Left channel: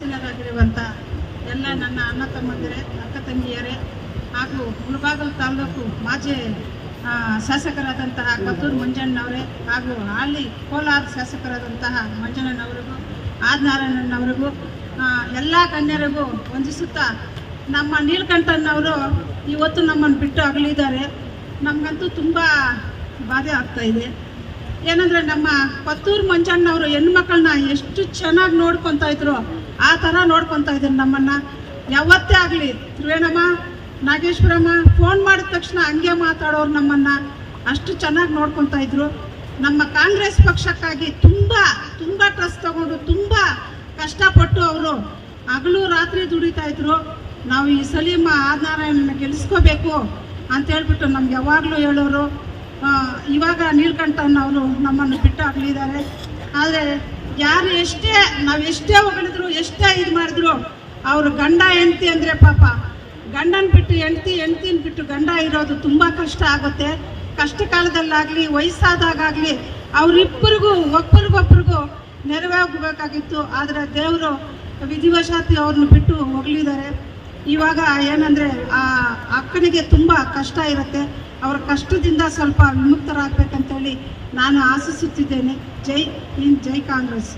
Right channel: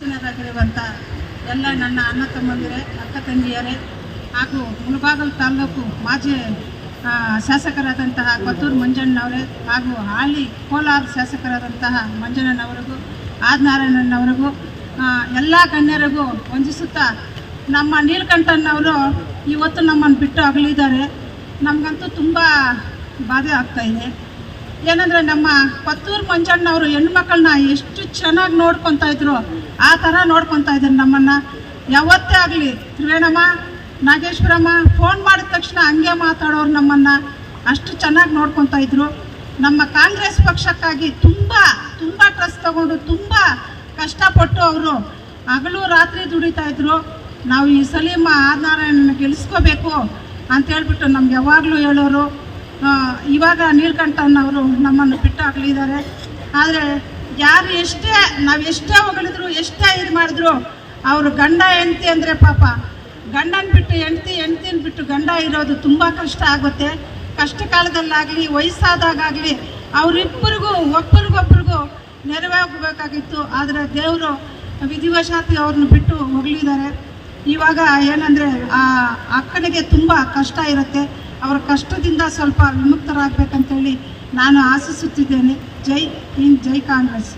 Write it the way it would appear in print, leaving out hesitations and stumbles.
ಆಗಿರುವಂಥ ಎಲ್ಲ ನನ್ನ ಅಣ್ಣ ತಮ್ಮಂದಿರೇ, ಅಕ್ಕ ತಂಗಿಯರೇ ಹಾಗೂ ಮುಳಬಾಗಿಲು ತಾಲೂಕು ಮಾಜಿ ಶಾಸಕರಾದಂತಹ ಕೊತ್ತೂರು ಮಂಜಣ್ಣನವರೇ ಹಾಗೂ ಹಾಲಿ ಕೋಲಾರ ಶಾಸಕರಾದಂತಹ ಮಂಜಣ್ಣನವರಿಗೂ ಆದಿನಾರಾಯಣನವರಿಗೂ ಎಲ್ಲ ಗಣ್ಯರಿಗೂ ವಂದಿಸುತ್ತಾ, ನಮ್ಮ ನೀಲಕಂಠನವರು ಇವತ್ತು ನಮ್ಮನ್ನು ಬಿಟ್ಟು ಅಗಲಿದ್ದಾರೆ. ನಮಗಂತೂ ತುಂಬ ಬಾಧೆ ಆಗ್ತಾಯಿದೆ. ಏನಂದರೆ, ನಮ್ಮ ಕೊತ್ತೂರು ಮಂಜಣ್ಣವರು ಹೆಣ್ಮಕ್ಳನ್ನ ಎಷ್ಟು ಚೆನ್ನಾಗಿ ನೋಡ್ಕೊತಾ ಇದ್ರು, ಆ ಥರ ನೋಡ್ಕೊತಾ ಇದ್ದಾರೆ ನಮ್ಮನ್ನು. ಯಾವತ್ತೇ ಆಗಲಿ ತ್ರಿವೇಣಮ್ಮ, ನಾಗೇಶ್ವರಮ್ಮ ಫೋನ್ ಮಾಡಿದ ತಕ್ಷಣ ಹಂಗೆ ಮಾತಾಡೋರು ನಮ್ಮನ್ನು ಅಷ್ಟು ಚೆನ್ನಾಗಿ ನೋಡ್ಕೊತಾ ಇದ್ರು. ನಮ್ಮ ಕಾಂಗ್ರೆಸ್ ಪಕ್ಷಕ್ಕಾಗಿ ತುಂಬ ತುಂಬ ಟ್ರಸ್ಟ್ ತಗೊಂಡು ತುಂಬ ಕಷ್ಟಪಟ್ಟು ಅವರು ಹಗಲು ರಾತ್ರಿ ದುಡಿತಾ ಇದ್ರು. ನಾವು ಈ ಸಲೀಮ ಆದಿನಾರಾಯಣನ ಗೆಲ್ಲಿಸ್ಕೋಬೇಕು ಅಂತೇಳ್ಬಿಟ್ಟು ನಮ್ಗೆ ಯಾವಾಗಲೂ ಹೇಳೋರು. ಇವಾಗ ನೀಲಕಂಠನವರು ನಮ್ಮನ್ನು ಬಿಟ್ಟು ಆಗಲಿದ್ದಾರೆ. ಆದರೆ ಯಾರು ನಾವೆಷ್ಟೇ ಹೊಗಳಿದ್ರು, ಎಷ್ಟೇ ಇದು ಮಾಡಿದ್ರು, ಅವರು ಗಂಡ ಹೆಂಡತಿ ಅಂದರೆ ಪಾಪ ಗಂಡನ ಬಿಟ್ಟು ಹೆಂಡ್ತಿನ ಬಿಟ್ಟು ಗಂಡ ಇರೋದು ತುಂಬ ಕಷ್ಟ ಆಗುತ್ತೆ. ಕಷ್ಟ ಕಾಲದಲ್ಲಾಗಲಿ ವಯಸ್ಸಾದಾಗಲಿ ಅವರಿಬ್ಬರಿಗೂ ಒಬ್ಬರಿಗೊಬ್ಬರಿಗೂ ನೆರವಾಗಬೇಕಾಗಿತ್ತು. ಆದರೆ ದೇವರು ವಿಧಿವಶಾತ್ ಅವ್ರನ್ನ ಬಿಟ್ಟು ಹೋಗಲಿದ್ದಾರೆ. ಇವಾಗ ಏನಂದರೆ, ಆ ಅಕ್ಕನಿಗೆ ತುಂಬ ಕಷ್ಟ ಇರುತ್ತೆ. ಅವರ ಕಷ್ಟದಿಂದ ಸ್ವಲ್ಪ ವಿಮುಕ್ತರಾಗಬೇಕಂತೇಳಿ ನಾನು ಆಶಿಸುತ್ತಿದ್ದೇನೆ. ಜೈ ಹಿಂದ್, ಜೈ ಕಾಂಗ್ರೆಸ್.